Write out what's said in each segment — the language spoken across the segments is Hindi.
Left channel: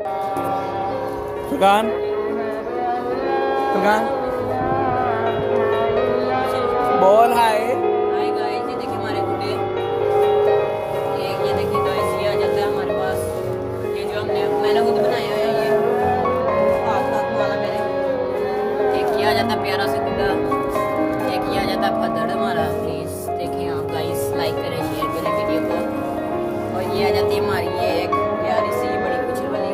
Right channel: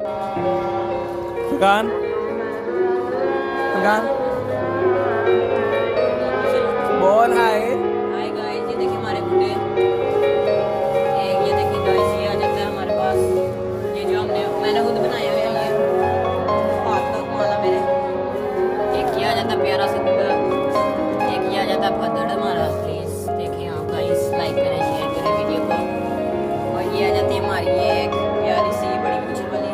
फुरकान फुरकान बोल हाय। हाय गाइस, ये देखिए हमारे गुड्डे। एक ये देखिए गाइस, ये आ जाता है हमारे पास। ये जो मैंने खुद बनाया है, ये हाथ वाला मेरे। एक ये आ जाता है प्यारा सा गुड्डा। एक ये आ जाता है फदड़ हमारा। प्लीज देखिए आप गाइस, लाइक करें, शेयर करें वीडियो को। और ये आ जाती है हमारी ये एक प्यारी सी बड़ी कुचल वाली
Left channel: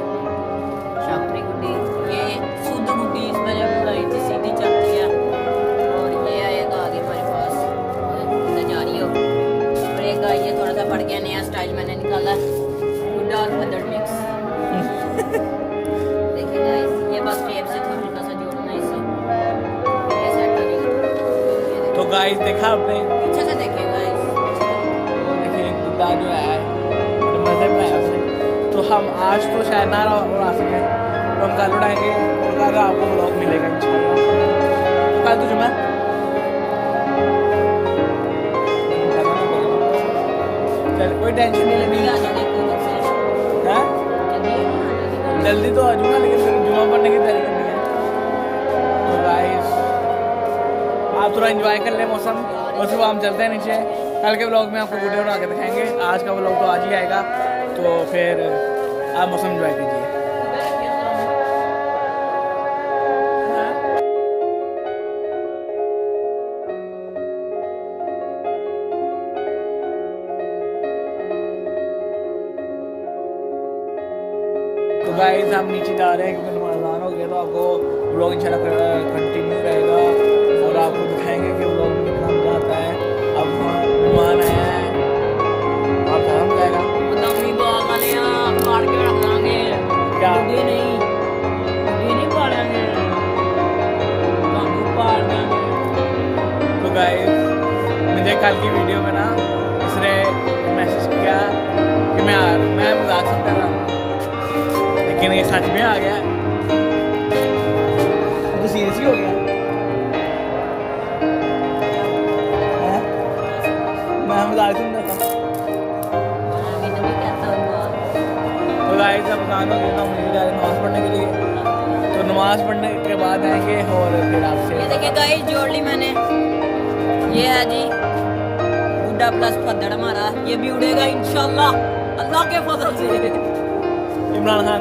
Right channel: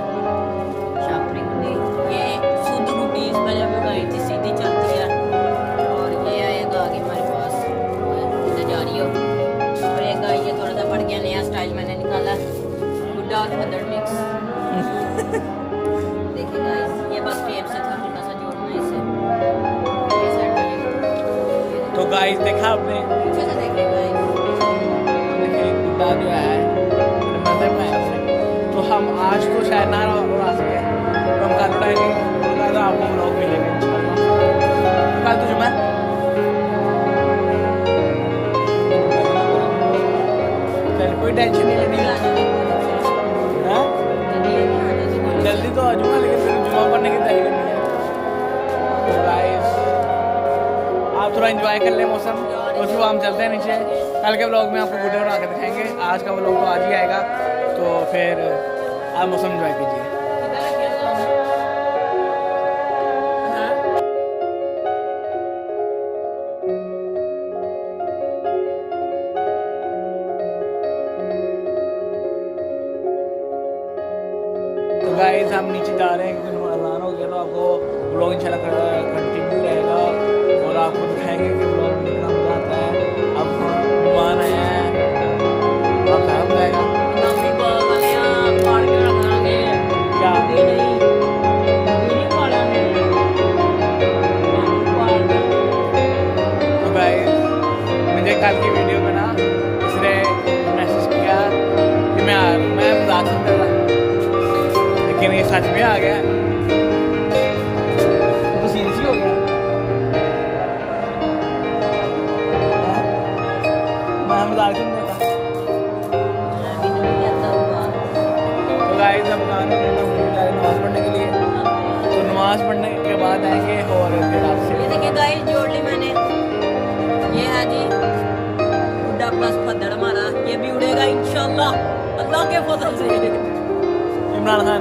शापरी गुड्डी। ये शुद्ध गुड्डी, इसमें जब उड़ाई थी सीधी चलती है। और ये आएगा आगे हमारे पास, और जा रही हो। और एक ये थोड़ा सा पड़ गया, नया स्टाइल मैंने निकाला, गुड्डा और फदड़ मिक्स। देखिए गाइस, ये बस टेप से था हल्का सा जोड़ना है इसे, फिर ये सेट हो जाएगा। तो गाइस देखा आपने, पीछे से देखिए गाइस, देखिए गुड्डा जो है बड़े मजे में है अपने। तो हम आज तो शायद ना उड़ा सके, तो हम कल उड़ाएंगे और कल आपको व्लॉग मिलेगा इंशाल्लाह। तो कल तो जुम्मा है। चल कोई टेंशन नहीं लेनी है, जल्दी तो आ जाऊंगा, लेकिन फिर जुम्मा पढ़ने की तैयारी करनी है। तो गाइस आप थोड़ा एंजॉय कर ले मौसम, और फिर हम चलते हैं नीचे। कल के व्लॉग में आपको गुड्डे उड़ा के दिखाएंगे, आज का व्लॉग तो आज ही आएगा। तो फिर आप मौसम एंजॉय कीजिए। तो गाइस हम नीचे जा रहे हैं क्योंकि अज़ान हो गया, तो आपको व्लॉग इंशाल्लाह कंटिन्यू रहेगा और आपको दिखाएंगे कि व्लॉग में कितना मज़ा आता है। अब मेहमान आए हैं, आप आराम रहेगा क्या? तो गाइस मुझे कल की वीडियो में ना इसने मैसेज किया कि मैं मजाक समझता था, लेकिन ये सच में आ गया, तो सीरियस ही हो गया। मैं मजाक समझता था। तो गाइस अब अज़ान हो गया, हम नीचे जा रहे हैं नमाज़ पढ़ने के लिए। तो नमाज पढ़ने के बाद आएंगे और फिर आपसे। ये देखिए गाइस, जोड़ ली मैंने। ये है जी गुड्डा प्लस फदड़ हमारा, ये भी उड़ेगा इंशाल्लाह अल्लाह के फजल से। इमरान खान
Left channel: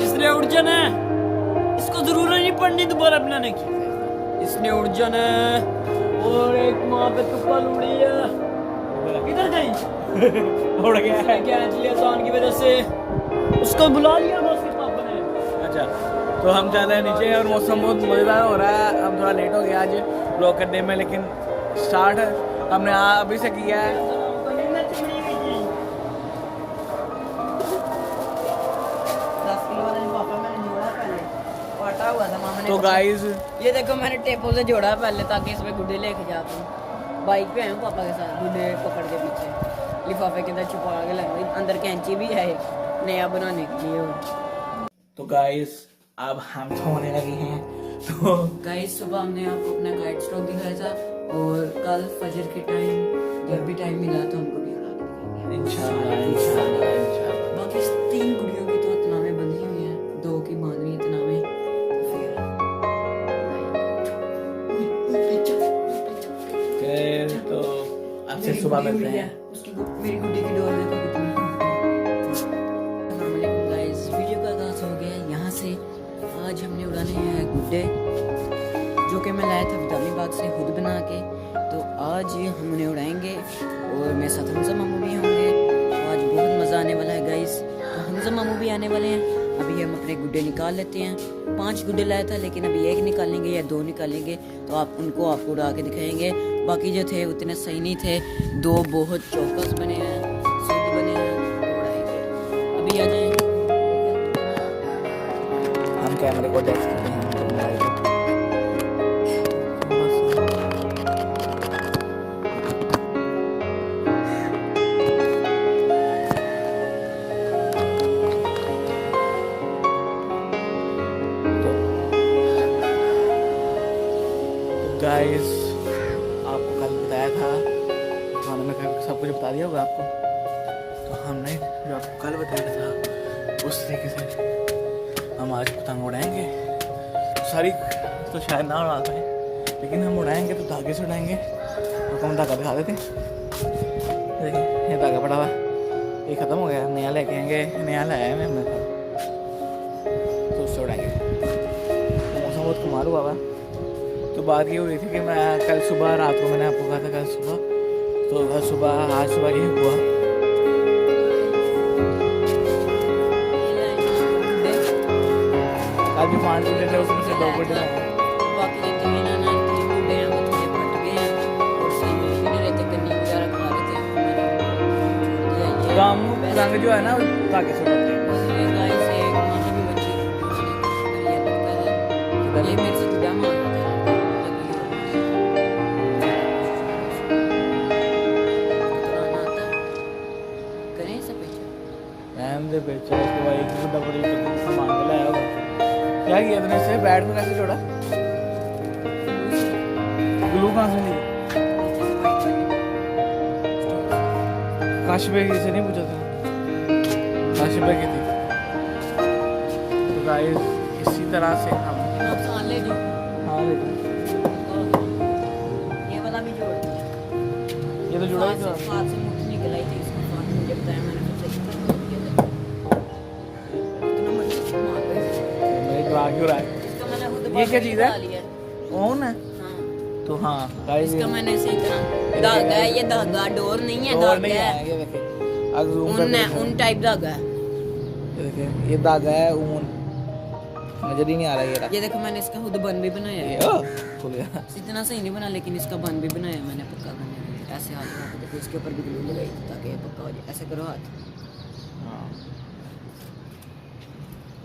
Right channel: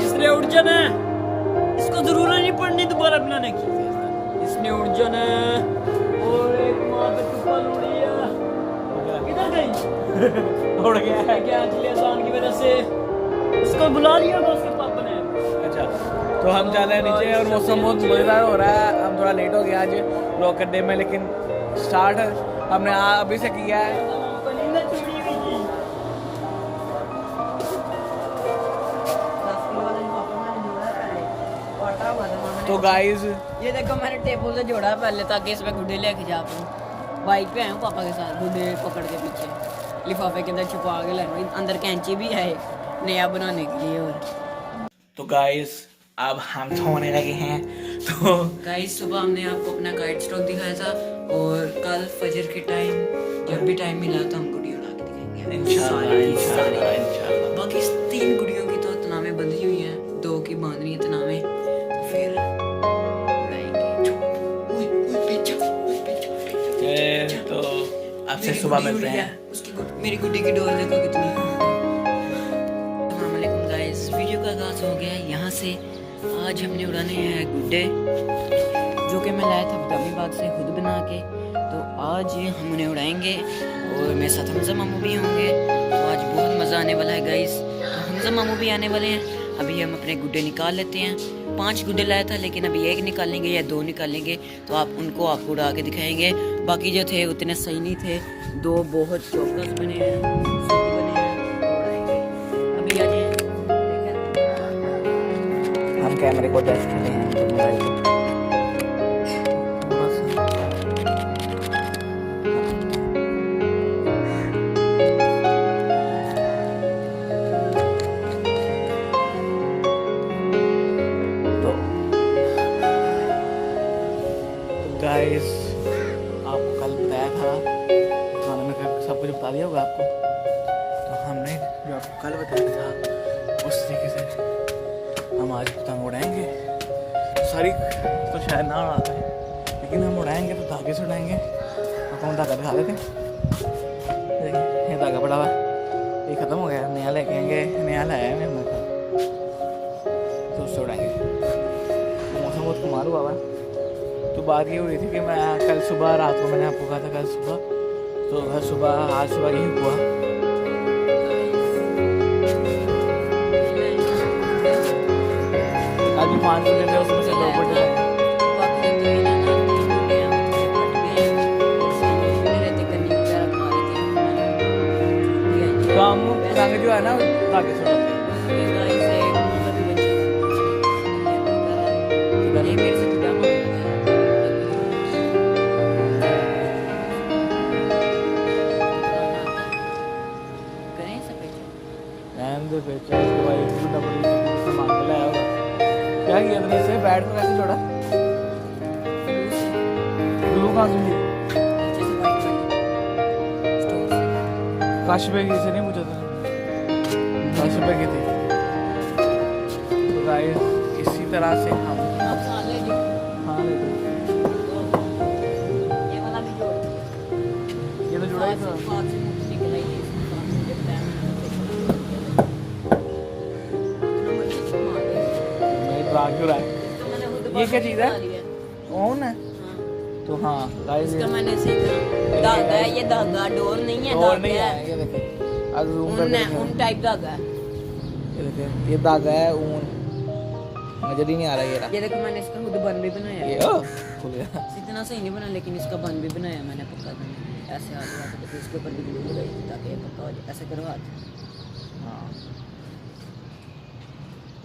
इसने उड़ जाना है, इसको जरूरत नहीं पड़नी दोबारा बनाने की, इसने उड़ जाना है। और एक माँ पे तुक्कल उड़ी है, किधर गई? उड़ गया है क्या अज़ान की वजह से उसको बुला लिया उसके पापा ने। अच्छा, तो हम जा रहे हैं नीचे और मौसम बहुत मज़ेदार हो रहा है। हम थोड़ा लेट हो गया आज व्लॉग करने में, लेकिन स्टार्ट हमने अभी से किया है। तो गाइस ये देखो, मैंने टेपों से जोड़ा पहले ताकि इसमें गुड्डे लेके जा पाऊँ। बाइक पे आया हूँ पापा के साथ, गुड्डे पकड़ के पीछे लिफाफे के अंदर छुपा के लाएंगे। अंदर कैंची भी है एक नया बनाने के लिए। और तो गाइस अब हम सोने लगे हैं। तो गाइस सुबह हमने आपको अपना गाइड स्टॉक दिखाया था, और कल फजर के टाइम जब भी टाइम मिला तो हम गुड़िया ला के दिखाएंगे इंशाल्लाह। बाकी 3 गुड़ियों की तो तनामे बंधी हुई हैं, 2 की बांधनी है तनामे, तो फिर तो आपसे सुबह मिलते हैं। उसकी मेरी गुड्डी की डोर देखो कितनी। अस्सलाम वालेकुम गाइस, वीडियो का आगाज हो गया यहाँ से। आज हमने उड़ाने हैं गुड्डे, जो कि मैं लाया था बदामीबाद से खुद बना के। तो आज हम उन्हें उड़ाएंगे और मेरे साथ हमजा मामू भी होंगे। तो आज बहुत मज़ा आने वाला है गाइस। तो हमजा मामू भी आने वाले हैं। अभी हम अपने गुड्डे निकाल लेते हैं। 5 गुड्डे लाया था, लेकिन अभी 1 निकालेंगे या 2 निकालेंगे, तो आपको उड़ा के दिखाएंगे। बाकी जो थे उतने सही नहीं थे, 2 बहुत चौकस बने हैं, शुद्ध बने हैं, उड़ाएंगे। अभी आ जाए, हम कैमरे को एडजस्ट करते हैं तो मोबाइल को। गाइस आपको कल बताया था खाने में सब कुछ बता दिया होगा आपको। तो हमने जो आपको कल बताया था उस तरीके से हम आज पतंग उड़ाएंगे। सारी तो शायद ना उड़ा पाए, लेकिन हम उड़ाएंगे तो धागे से उड़ाएंगे। आपको हम धागा दिखा देते हैं। देखिए ये धागा पड़ा हुआ, ये ख़त्म हो गया, नया लेके आएंगे। नया लाया है मैं मेरे तो उससे उड़ाएंगे। तो मौसम बहुत कमाल हुआ हुआ। तो बात ये हुई थी कि मैं कल सुबह, रात को मैंने आपको कहा था कल सुबह, तो कल सुबह आज सुबह ये हुआ। आज भी 5 गुड्डे थे, उसमें से 2 गुड्डे हैं। बाकी जो 3 है ना, 3 गुड्डे हैं, वो थोड़े फट गए हैं और उसमें भी नहीं रहते, कन्नी वगैरह खा रहे थे, मैंने छोड़ दिया ये। तो हम पतंग जो है ना धागे से उड़ाते हैं। गाइस एक मतलब भी बच्चे ये मेरे से जुड़ा मार रहा था। करें सब पेचा रहने दे पेचा, उसके बाद एक गुड्डा बड़ी पत्ती किसी मांग के लाया होगा। क्या किया तूने इससे? बैट को कैसे जोड़ा? ग्लू कहाँ से ली? नीचे से वाइट वाली स्टोर से। काश पे से नहीं पूछा था? काश पे की थी। तो गाइस इसी तरह से हम आप साल ले जो हाँ लेते हैं। ये वाला भी जोड़ दिया। ये तो जुड़ा ही था। हाथ से मुझे निकला ही नहीं, इसको मुझे बताया मैंने तो चेक किया। मैं ड्रा क्यों रहा है? ये क्या चीज़ है? ओन है। हाँ तो हाँ गाइस इसका मैंने इसी तरह धागा है, ये धागा डोर नहीं है, और नहीं है। ये देखिए अब जूम करके दिखाओ। उन टाइप धागा है। ये देखिए ये धागा है ऊन, नजर ही नहीं आ रहा ये रहा। ये देखो मैंने इसका खुद बन भी बनाया ये है। खुल गया। इतना सही नहीं बना, लेकिन इसका बन भी बनाया मैंने पक्का करने के लिए। ऐसे हाथ लगा के इसके ऊपर भी ग्लू लगाई थी ताकि ये पक्का हो जाए। ऐसे करो हाथ। हाँ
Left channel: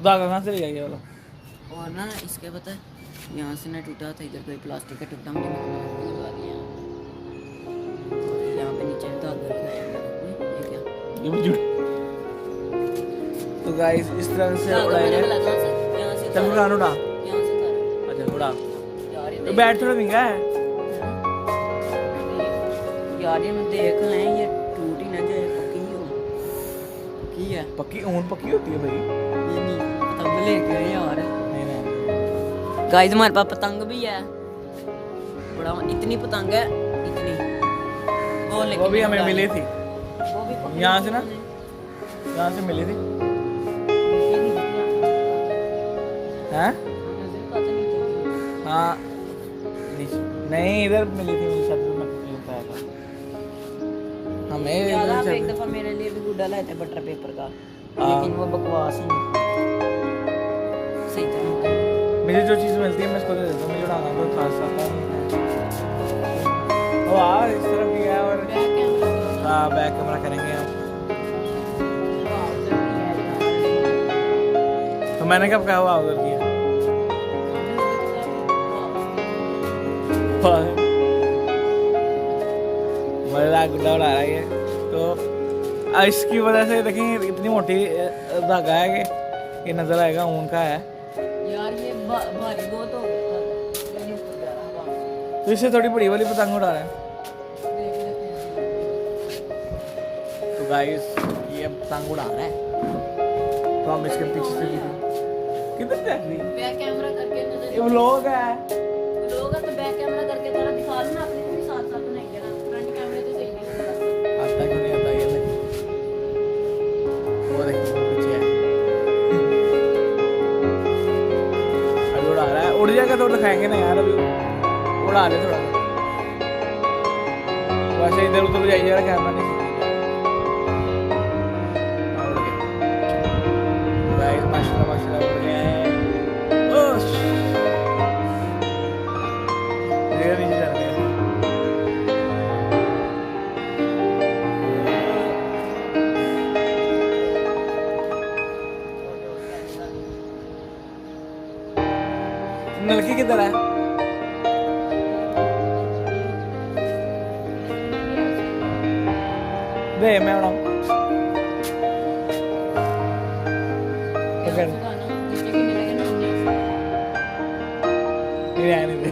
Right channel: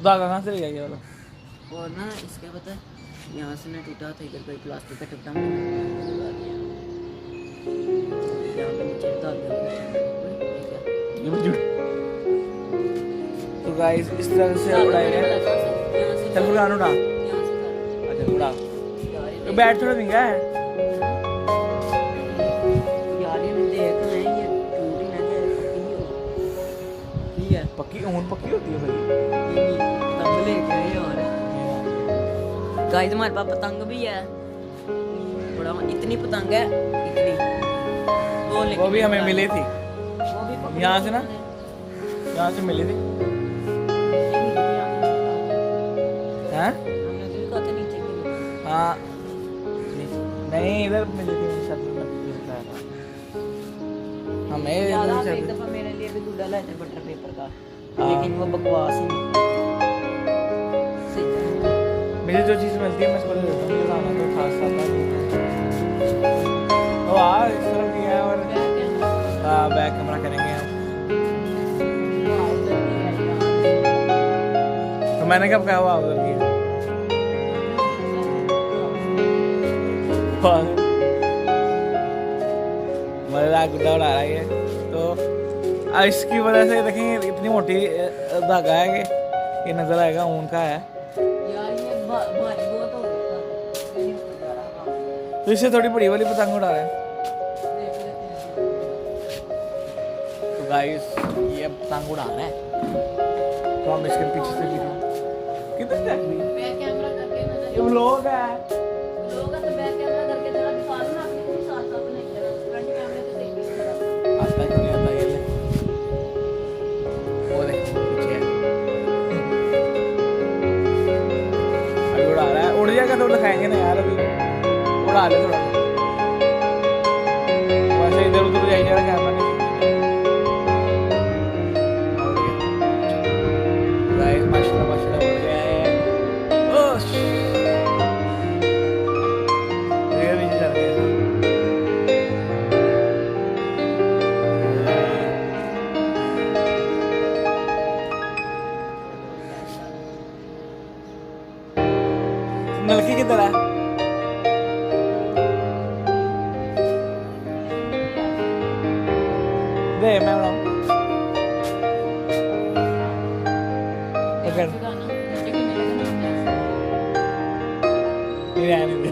धागा कहाँ से ले गया ये वाला? और ना इसके पता है यहाँ से ना टूटा था, इधर कोई प्लास्टिक का टुकड़ा मैंने लगा दिया यहाँ पे नीचे धागा ये क्या ये भी जुड़। तो गाइस इस तरह से उड़ाएंगे। चल फुरकान उड़ा। अच्छा उड़ा। ये बैट थोड़ा महंगा है यार। ये देख रहे हैं, ये टूट ही ना जाए। पक्की हो, पक्की है। पक्की ऊन पक्की होती है भाई। ये नहीं पतंग लेके आए यार। गाइस हमारे पास पतंग भी है, बड़ा इतनी पतंग है, इतनी वो भी हमें मिली थी वो भी यहाँ से ना, यहाँ से मिली थी। हैं? हाँ नहीं इधर मिली थी मेरे साथ, मैं बताया था हमें एक इधर दफा मेरे लिए भी गुड्डा लाए थे बटर पेपर का, हाँ। लेकिन वो बकवास ही नहीं सही था। मुझे जो चीज़ मिलती है मैं इसको दे देता हूँ। मुझे उड़ाना तो खास आता नहीं है। और यार इस तरफ भी है और हाँ बैक कैमरा करेंगे हम। तो मैंने कब कहा हुआ उधर किया? मजेदार गुड्डा उड़ा रहा है ये। तो इसकी वजह से देखेंगे इतनी मोटी धागा है कि ये नजर आएगा ऊन का है। यार ये भारी बहुत हो गया। तो इससे थोड़ी बड़ी वाली पतंग उड़ा रहे हैं। तो गाइस ये पतंग उड़ा रहा है, तो हम इसके पीछे से भी किधर देख रही? बैक कैमरा करके नजर ये व्लॉग है। लोग तो बैक कैमरा करके जरा दिखा लो ना अपने को भी साथ साथ नहीं क्या फ्रंट कैमरे तो सही नहीं आता नहीं आता ये मैं। वो देखो वो पीछे है। अभी उड़ा रहा है, उड़ जाएगा तो दिखाएंगे ना यार। अभी उड़ा ले थोड़ा सा, वैसे इधर उधर जाइए जरा, कैमरा नहीं सीखी जाए। उड़ गया गाइस, माशाल्लाह माशाल्लाह उड़ गया है। ओह ये नीचे चल गया। नलकी किधर है? दे मैं उड़ाऊं। पकड़ नहीं रहने दे।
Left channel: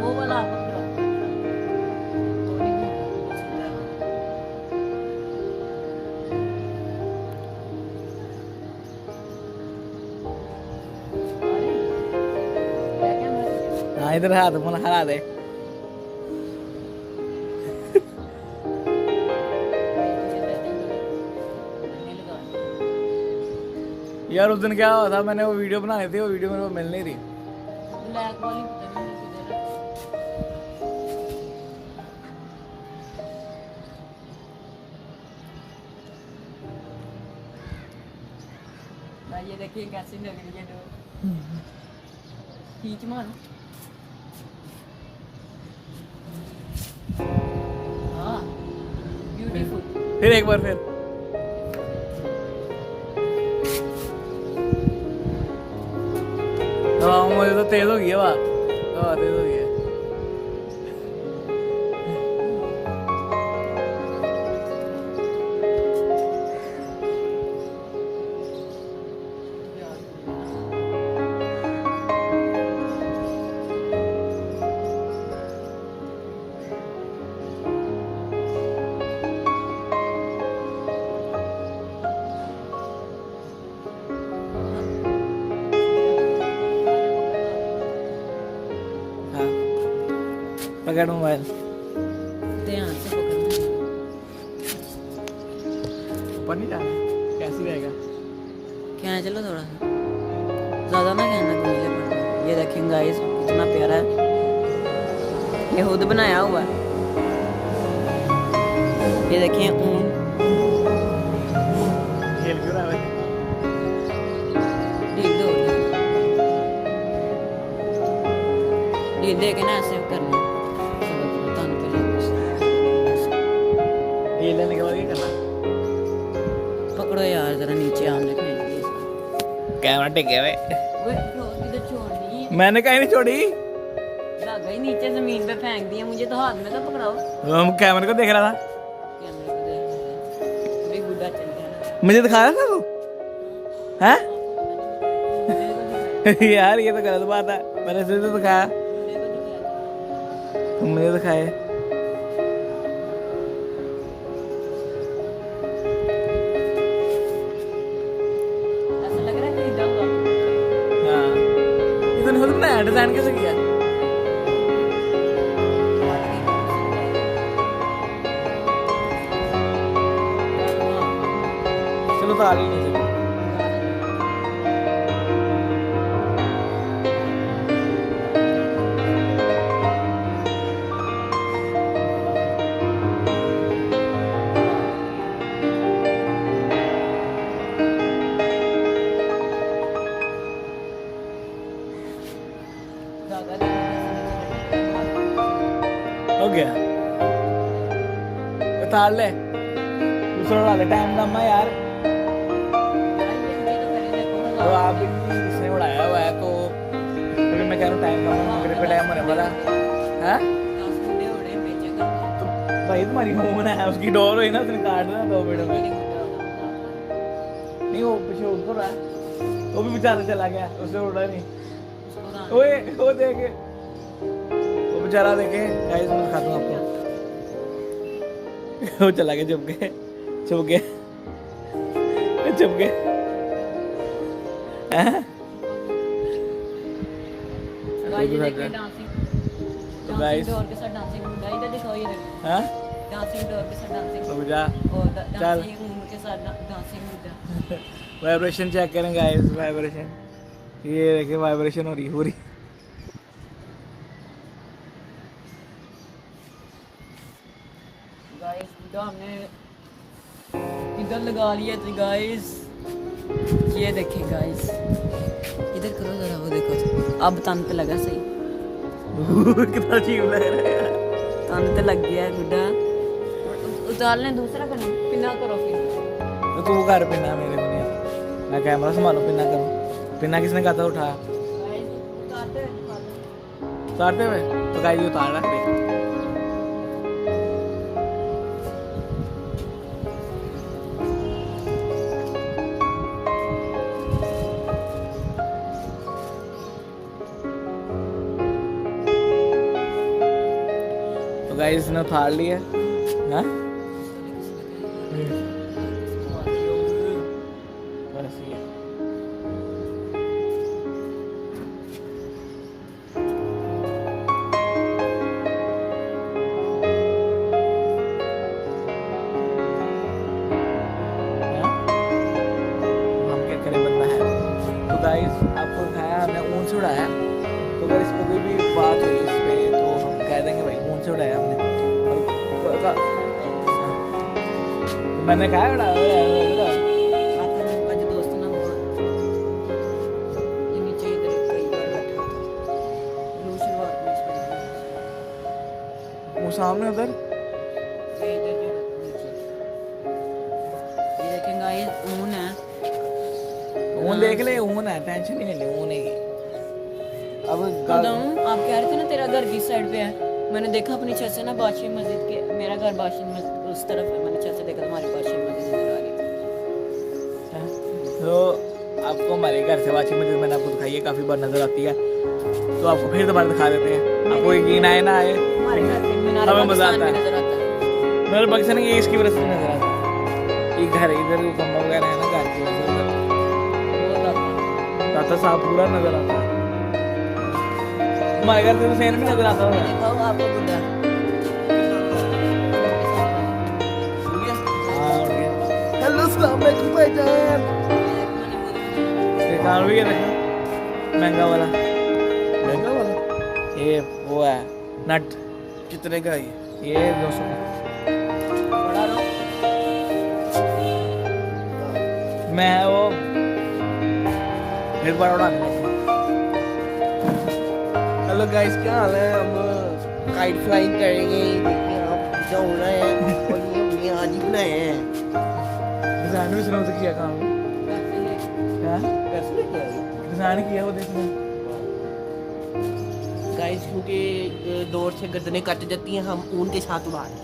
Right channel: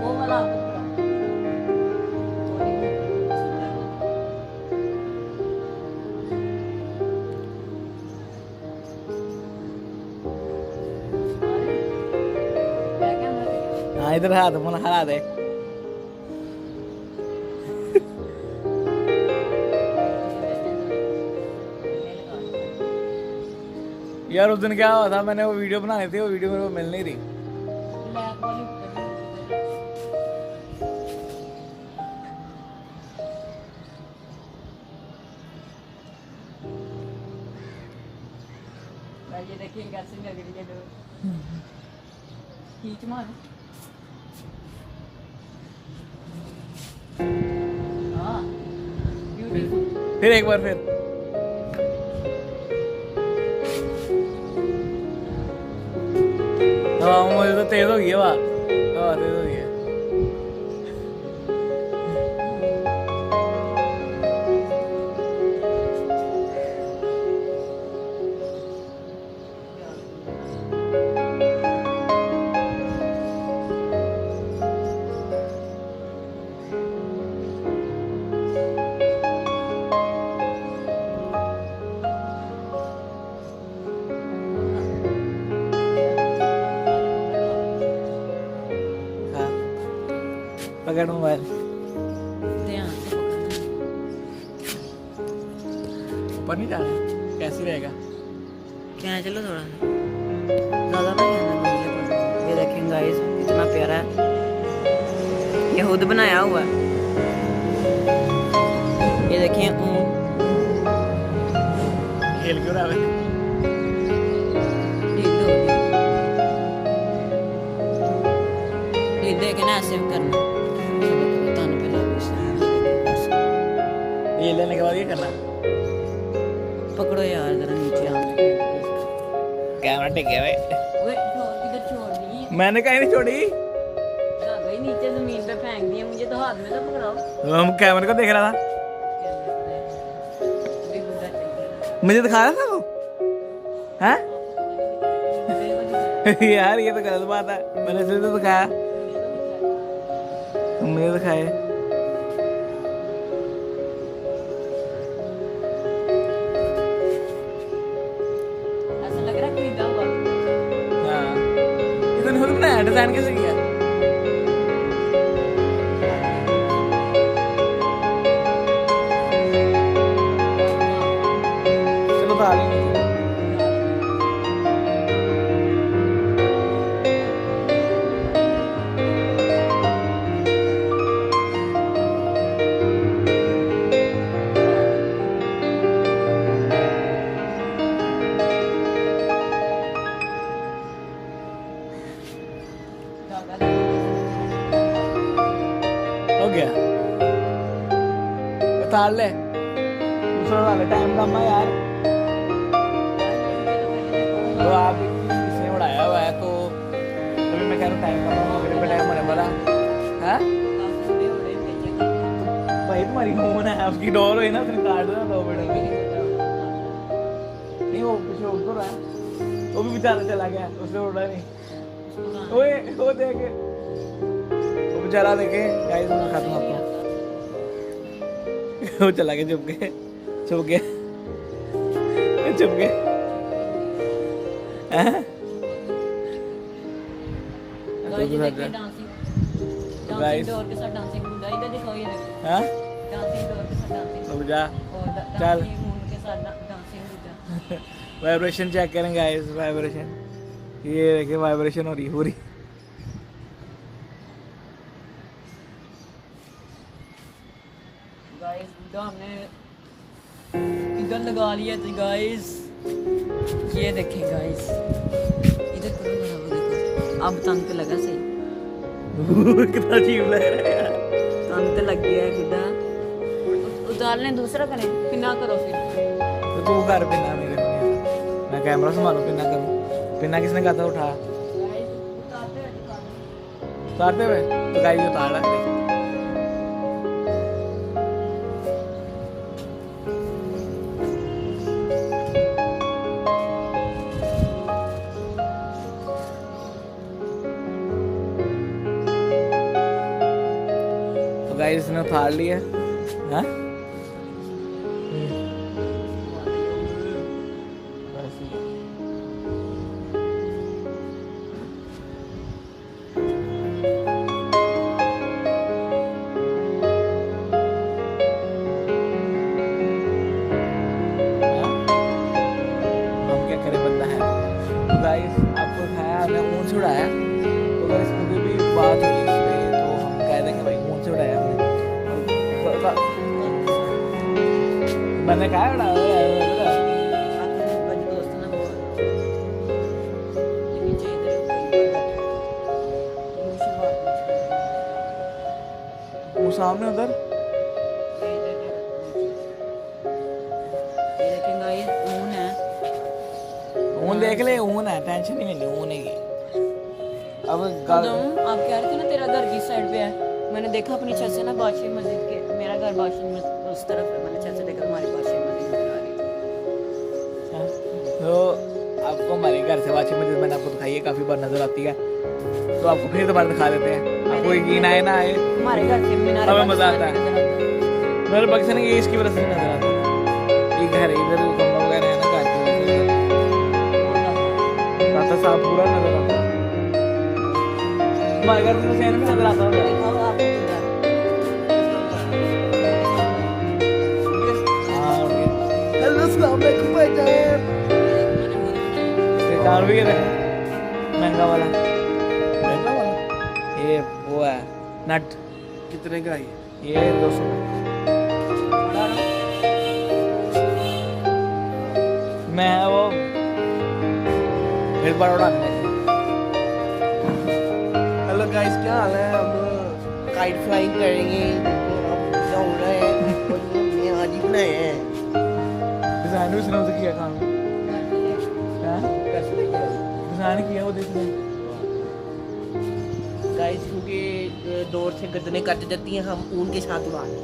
वो वाला हाँ इधर हाथ मन हरा दे। यार उस दिन क्या हुआ था, मैंने वो वीडियो बनानी थी, वो वीडियो मेरे को मिल नहीं रही। ये देखिए कैसे मेरे लिए खींच मारो। हाँ ब्यूटीफुल। फिर एक बार फिर हवा मुझे तो तेज हो गई है, हवा तेज हो गई है। पकड़ मोबाइल, ध्यान से पकड़ना। ऊपर नहीं जाना, कैसे रहेगा? क्या है, चलो थोड़ा सा ज़्यादा ना कहना चाहिए पड़ना। ये देखें गाइस कितना प्यारा है, ये खुद बनाया हुआ है। ये देखें ऊन खेल क्यों रहा है? ढील दो ढील दे के ना ऐसे करना। ये लेने के बाद ये करना, पकड़ो यार जरा नीचे आने के लिए। कैमरा टिक गया भाई। ओए किधर छोड़नी है? मैंने कहीं नहीं छोड़ी, धागा ही नीचे जमीन पे फेंक दिया, मुझे तो हाथ में तो पकड़ाओ। हम कैमरे को देख रहा था, भी गुड्डा चल गया ना। मुझे दिखा रहा था वो, हैं? मेरे को दिखाया, यार ये तो गलत बात है, मैंने इसलिए तो दिखाया, मेरे को दिखाया। तुम मुझे दिखाए। ऐसा लग रहा है खरीदा हुआ। हाँ ये तो नहीं खुद बनाया, डिजाइन कैसे किया? चलो तो आ लो नीचे। हो गया, उतार ले, दूसरा उड़ा ले, टाइम कम है यार। तो आप इसने उड़ाया हुआ है, तो तभी मैं कह रहा हूँ टाइम कम है, मगरिब का टाइम होने वाला है। तो भाई तुम्हारी फोन है, उसकी डोर हुई ना, उसने काट देना 2 मिनट में। नहीं वो पीछे उड़ रहा है, वो भी बेचारा चला गया, उसने उड़ा नहीं। ओए वो देखे, वो बेचारा देखे गाइस, मैं दिखाता हूँ आपको। वो चला गया, चुप गए, चुप गए, चुप गए। तो गाइस डोर के साथ डांसिंग गुड्डा इधर दिखाओ, ये हाँ डांसिंग डोर के साथ डांसिंग रुक जा, और चल। डांसिंग ऊन के साथ डांसिंग गुड्डा। वाइब्रेशन चेक करें गाइस, वाइब्रेशन, ये देखिए वाइब्रेशन हो रही पूरी। गाइस गुड्डा हमने इधर लगा लिया था गाइस, ये देखें गाइस, इधर करो जरा, वो देखो अब तन पे लगा सही, कितना अजीब लग रहा है यार। तन पे लग गया है गुड्डा। उतारने दूसरा करें, पिन्ना करो फिर। तो तू कर पिन्ना, मेरे को नहीं आता, मैं कैमरा संभालो, पिन्ना करूँ। पिन्ना किसने कहा था उठा? उतारते हुए तो गाइस ये उतार रहा है, देख। तो गाइस इसने उतार लिया, हाँ? बस ये गाइस आपको दिखाया हमने ऊन से उड़ाया, तो अगर इसको कोई भी बात हुई इस पे तो हम कह देंगे भाई ऊन से उड़ाया हमने। और मैंने कहा उड़ाया वो सामने उधर ये देखें गाइस ऊन है, ऊन देख ले, ऊन है, टेंशन नहीं लेनी, ऊन है ये। अब आप कह रहे थे ना तेरा घर किस साइड पे है, मैंने देखा अपनी छत से ना बादशाह मस्जिद के, मेरा घर बादशाह मस्जिद उस तरफ है, मैंने छत से देखा हमारी बादशाह मस्जिद नजर आ रही थी। तो आपको हमारे घर से वाची मस्जिद मैंने आपको दिखाई है, काफ़ी बार नज़र आती है, तो आपको फिर दोबारा दिखा देते हैं, आपको यकीन आए ना आए हमारे घर से मीनार हमें मज़ा आता है। नजर आता है। मेरे पाकिस्तान ये इसकी वजह से नहीं नज़र आता है, ये घर इधर कमरा वगैरह है ना घर की वजह से उधर दाता साहब पूरा नज़र आता है। हमारे घर से तो फैन भी नज़र आता होगा। हाँ उठ गया। हेलो अस्सलाम वालेकुम भाईजान। ये कान भी देखें महंगा वाला, महंगा वाला ये वो है नट, कितने का है ये 200 का। मैं वो फिर बार उड़ाने लगे। हेलो गाइस, क्या हाल है? हम काइट फ्लाइंग करेंगे, देखिए आप पूरा उड़ रहे हैं और ये हमने आज ही बनाए हैं। डिजाइन भी सुना तो किया काम क्या कैसे लेके आए डिजाइन किया वो देखने गाइस? क्योंकि एक दौर से गर्दनें कट जाती हैं, हम ऊन के साथ उड़ा रहे हैं।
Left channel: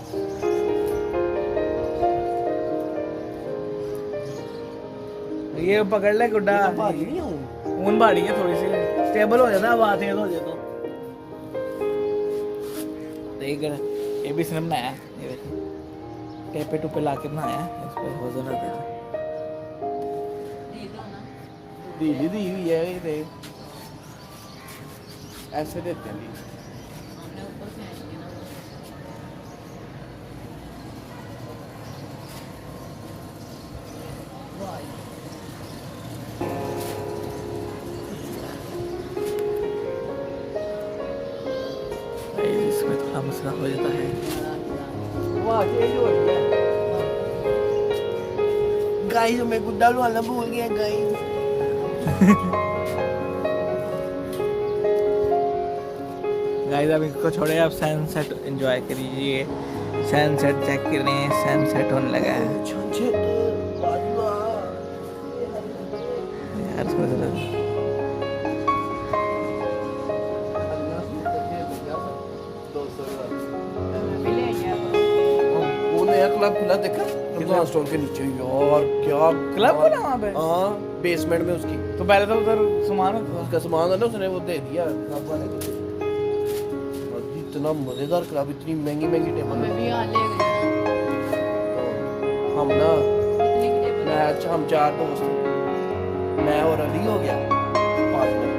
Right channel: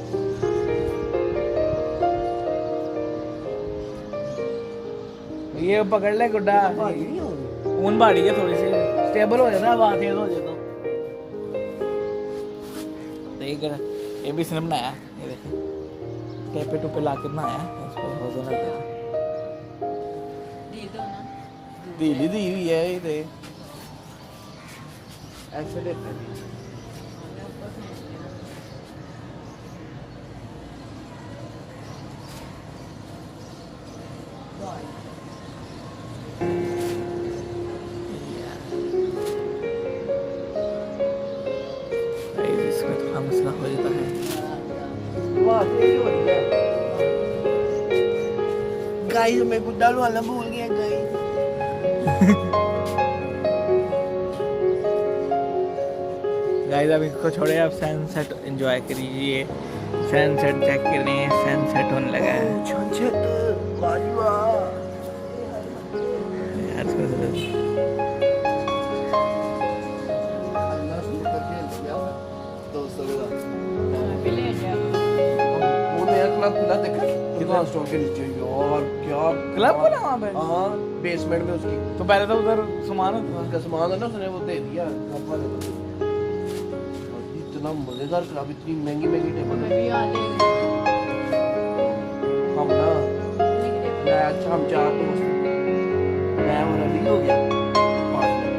ये पकड़ ले गुड्डा, ये तो भारी नहीं है ऊन। ऊन बाड़ी है थोड़ी सी, स्टेबल हो जाता है, आवाज तेज हो जाए तो। देख ये भी इसने बनाया, ये देखो टेपे टुपे ला के बनाया, इस पर वजन रख देना। दीदी दी हुई है ये देख, ऐसे देते हैं। इसमें थोड़ा मसला हो जाता है। वाह तेज हो रही है गाइस, मैं गुड्डा वाला भूल गया गाइस। गाइस अब इसको छोड़े, आप सनसेट एंजॉय करिए, सनसेट चेक करें, सनसेट होने लगा है यार। इसको क्लब खुला देखा कितना स्टोर के नीचे ही, और क्या क्लब खुला वहाँ पे? हाँ बेसमेंट में उसकी। तो पहले तो उधर सामान होता था, उसका सामान है ना, उसने वो दे दिया क्लब वाले को। इतना मजेदार क्लब, इतनी महंगी महंगी टेबल हम ना, मैं अच्छा हम 4 दोस्त थे, मैं और अली हो गया पार्टनर,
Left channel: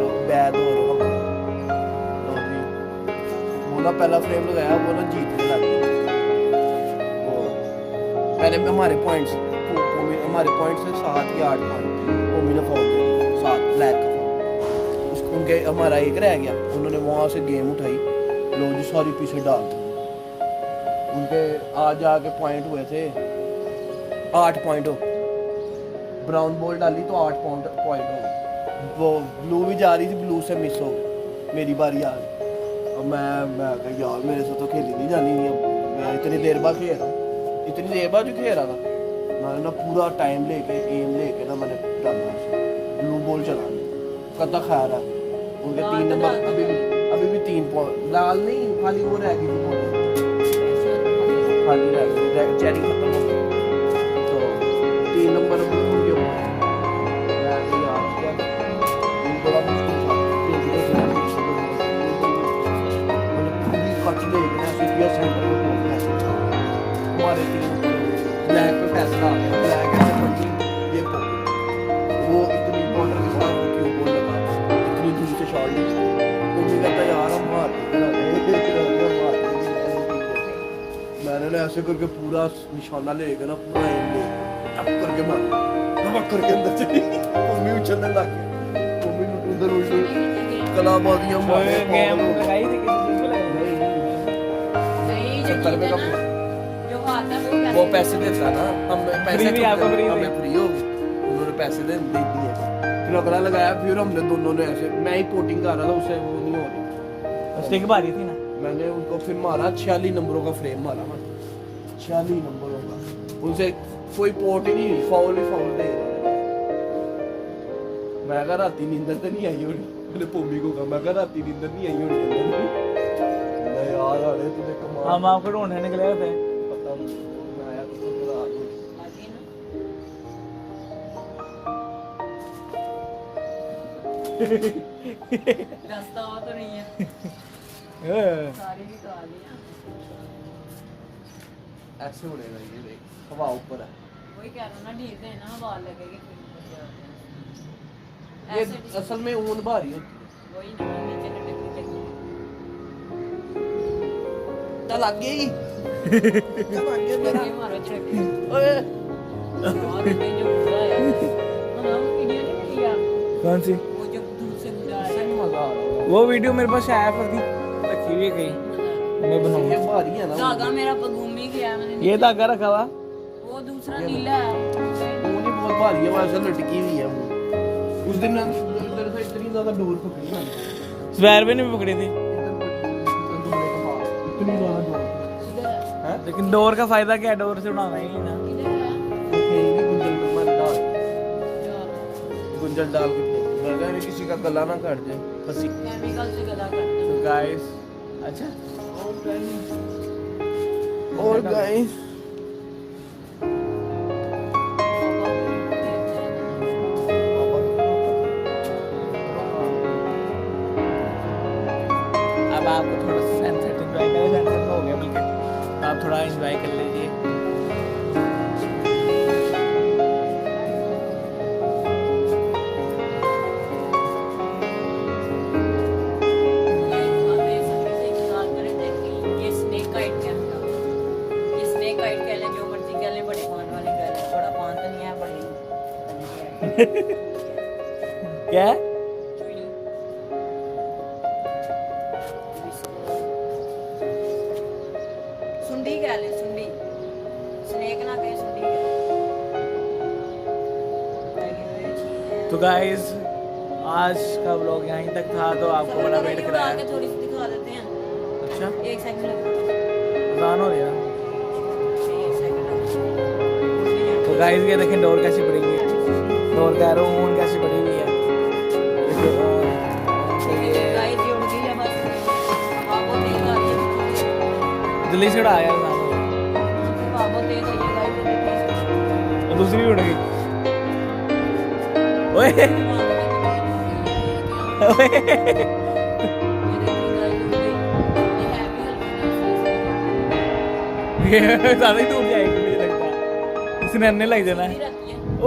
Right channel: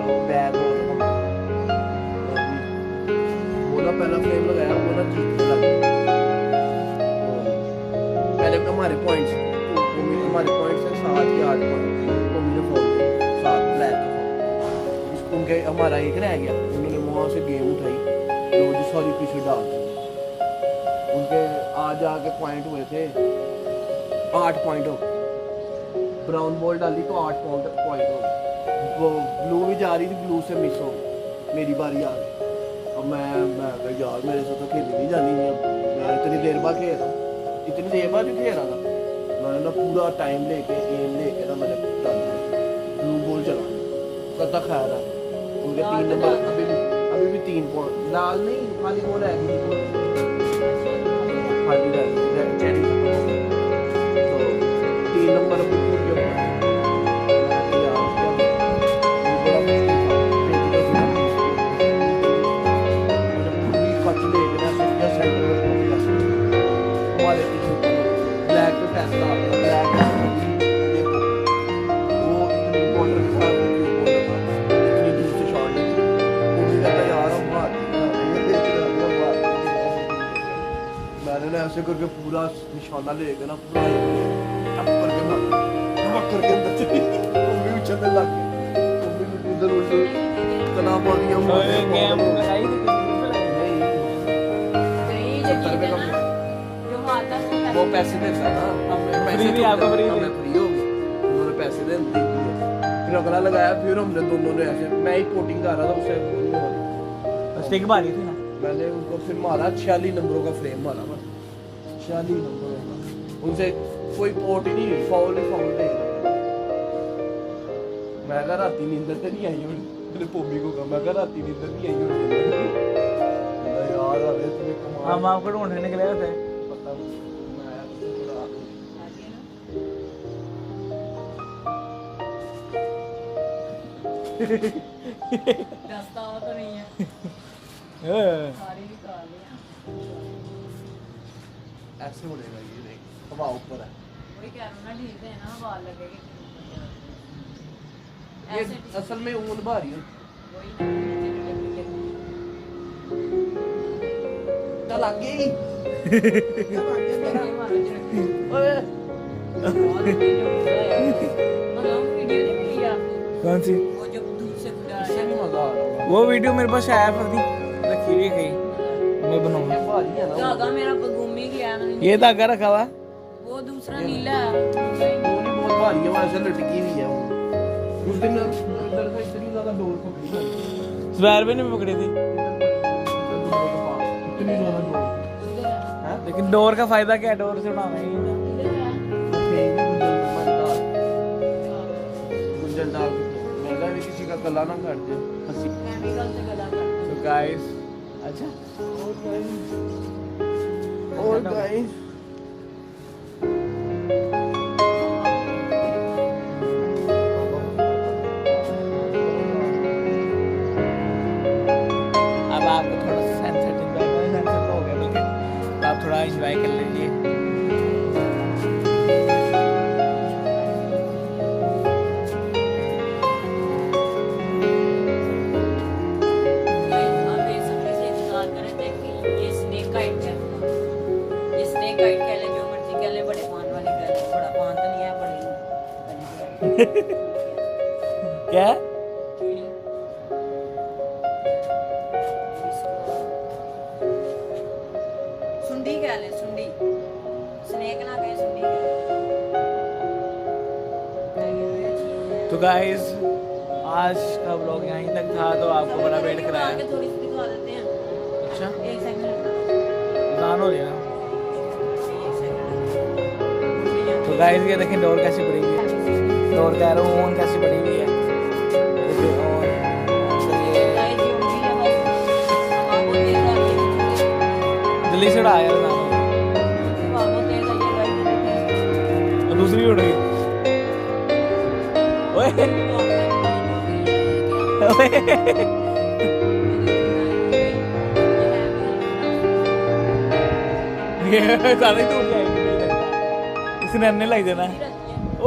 और बैग और हम, और भी वो ना पहला फ्रेम लगाया, वो ना जीतने लग गया। पहले हमारे पॉइंट्स, हमारे पॉइंट्स है 7 या 8 पॉइंट, मम्मी ने फोन दे 7 ब्लैक का फोन, उनके हमारा एक रह गया, उन्होंने वहाँ से गेम उठाई, लो जी सारी पीछे डाल दी। उनके आज आके पॉइंट हुए थे 8 पॉइंट हो, ब्राउन बॉल डाली तो 8 पॉइंट हो गए। वो ब्लू भी जा रही थी, ब्लू से मिस हो, मेरी बारी आ गई। और मैं कहा यार मेरे से तो खेली नहीं जानी, मैं इतनी देर बाद खेल रहा, इतनी देर बाद जो खेल रहा था, मैंने ना पूरा टाइम लेके एम लेके ना मैंने ब्लू बॉल चला कदा खैर है। उनके 3 नंबर अभी भी 3 पॉइंट, लाल नहीं खाली वो रह गई थी, खाली रह गई चेरी खत्म हो गई, तो 3 नंबर अभी भूल गया। मैं तो यार क्या ये बड़ा मुश्किल था, मैंने पूरी कट लेके ना किया, सेंटर में पहुंच गया। हमारे टीम पर ब्लैक पे टेस्ला आ गया, ब्लैक ऐसे पड़ी ये वो इतनी बॉर्डर के साथ क्यों बॉल लगा, इतनी दूर से शॉट ली, उन्होंने कहता यार हम भारतीय मैंने ना ऐसे करके पूरा निशाना लेके ना पूरा अब करके मारा, पकड़ के अंदर चली मम्मी उछलने लग गई मम्मी ने उधर उधर कला बहुत ही गेम लगाई थी किसी चीज पे लगाई यही जो सत्तर रुपए का चीज़ है ना, जो आता है वो पैसे देता ना हम Free नहीं, आपको free हमें नहीं। फ्री हो गए उन्होंने पैसे दे दिए फिर अगला लगाया फिर हमने दोनों ने ऐसे मैं ही कोटिंग कर रहा था उसे वो नहीं हो रही स्टिक भारी थी ना मैंने उनको फिर मारा 46 नंबरों का फ्रेम मारा मैं 46 नंबरों का उनसे कोई पोर्ट ही नहीं फाउल दे रहे मैं कहा राती नींदर तो नहीं आई होनी मैंने पोमी को कहा मैं कहा राती नींदर नहीं आई होनी मैं यार अरे तुझे कमाल हम आपको ढूंढने निकले थे पता नहीं मैं आया तो फिर रात हो आगे ना रास्ता हुआ तो नहीं है सारी भी तो आ लिया ऐसे उड़ेगा ये देख हवा ऊपर है वही कह रहा हूँ ना ढील है ना बाल लगेगा फिर ऊपर से ये ऐसे असल में ऊन भारी होती वही ना नीचे तो टेक्निक है लग गई मारो झटके ओए और ये जो बुरा है मतलब वीडियो नहीं मिली आपको कौन सी वो जो दूर से बुरा इससे है नहीं मजा आ रहा वो वीडियो मेरे पास आया पर थी रखी हुई है कहीं मैं ये बनाऊंगा भारी है ना धागा मेरा घूम ही गया मैंने ये धागा रखा हुआ वो दूसरा नीला है वो नहीं बहुत भारी है वैसे लटकी हुई है वो उस दिन इधर से इतनी ज्यादा डोर पकड़ी ना स्वेर भी नहीं पकड़ी थी इतनी ज्यादा डोर इधर है है लेकिन डोर का फायदा क्या है डोर से उड़ाना ही ना इधर है फेंक दी गुंजल में मैं डाल गुंजल डाल के फेंक मैं कहा ये किसी का गला ना काट दे फंसी केमिकल से गला करते तो गाइस अच्छा ओ गाइस अब आपको थोड़ा सनसेट एंजॉय करें सनसेट तो हो गया बल्कि तो आप थोड़ा एंजॉय कर लीजिए अब ये सबसे से इंतजार करें कि ये स्नेक काइट है अपना ये स्नेक काइट कह ले जो मर्जी कह ले बड़े पान वाली कह ले बड़ा पान तो नहीं है बड़ी क्या चुड़ी इसको सुंडी कह ले सुंडी स्नेक ना कहे सुंडी कहे तो गाइस आज का व्लॉग यहीं तक था तो आपको बड़ा वेट कराया थोड़ी सी दिखा देते हैं अच्छा एक सेकंड अजान हो रही है ना एक सेकंड तो गाइस ये देखें डोर कैसी पड़ी हुई है डोर कह रहा हूँ ऊन कैसी पड़ी हुई है देखिए और तो ये गाइस ये उंगली है बस अब आपको तेज आ रही है जल्दी से उड़ा यार अजान हो रही अब आपको तेज आ रही है गाइस देखिए है। और दूसरी भी उड़ गई ओए ओए ये ज्यादा ही दूर जाएगी मुझे लगता है इसने अन्य लग जाना है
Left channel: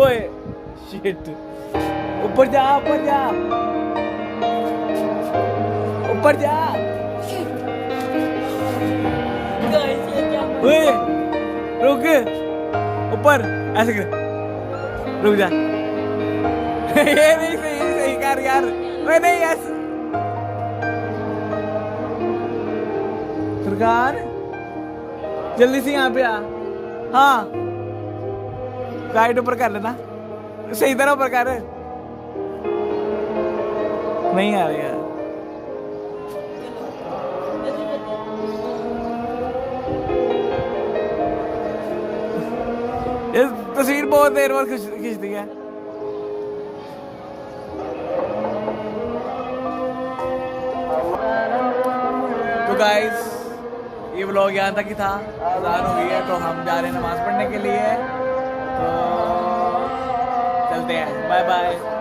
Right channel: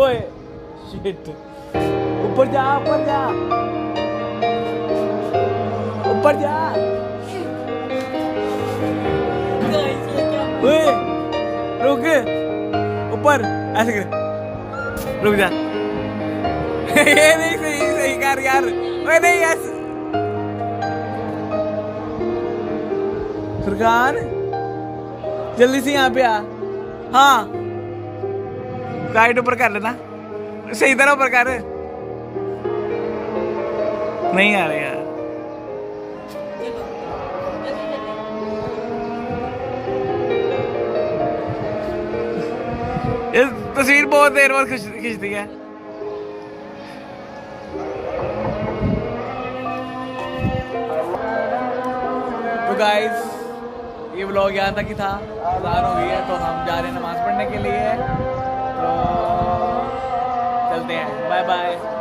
ओए शिट ऊपर जा ऊपर जा ऊपर जा ओए रुक ऊपर ऐसे कर रुक जा ये नहीं सही सही कर यार ओए नहीं ऐसे फुरकान जल्दी से यहाँ पे आ हाँ गाइड ऊपर कर लेना सही तरह ऊपर कर नहीं आ रहे यार ये तस्वीर बहुत देर बाद खींचती है तो गाइस ये व्लॉग यहाँ तक ही था अज़ान हो गई है तो हम जा रहे हैं नमाज पढ़ने के लिए तो चलते हैं बाय बाय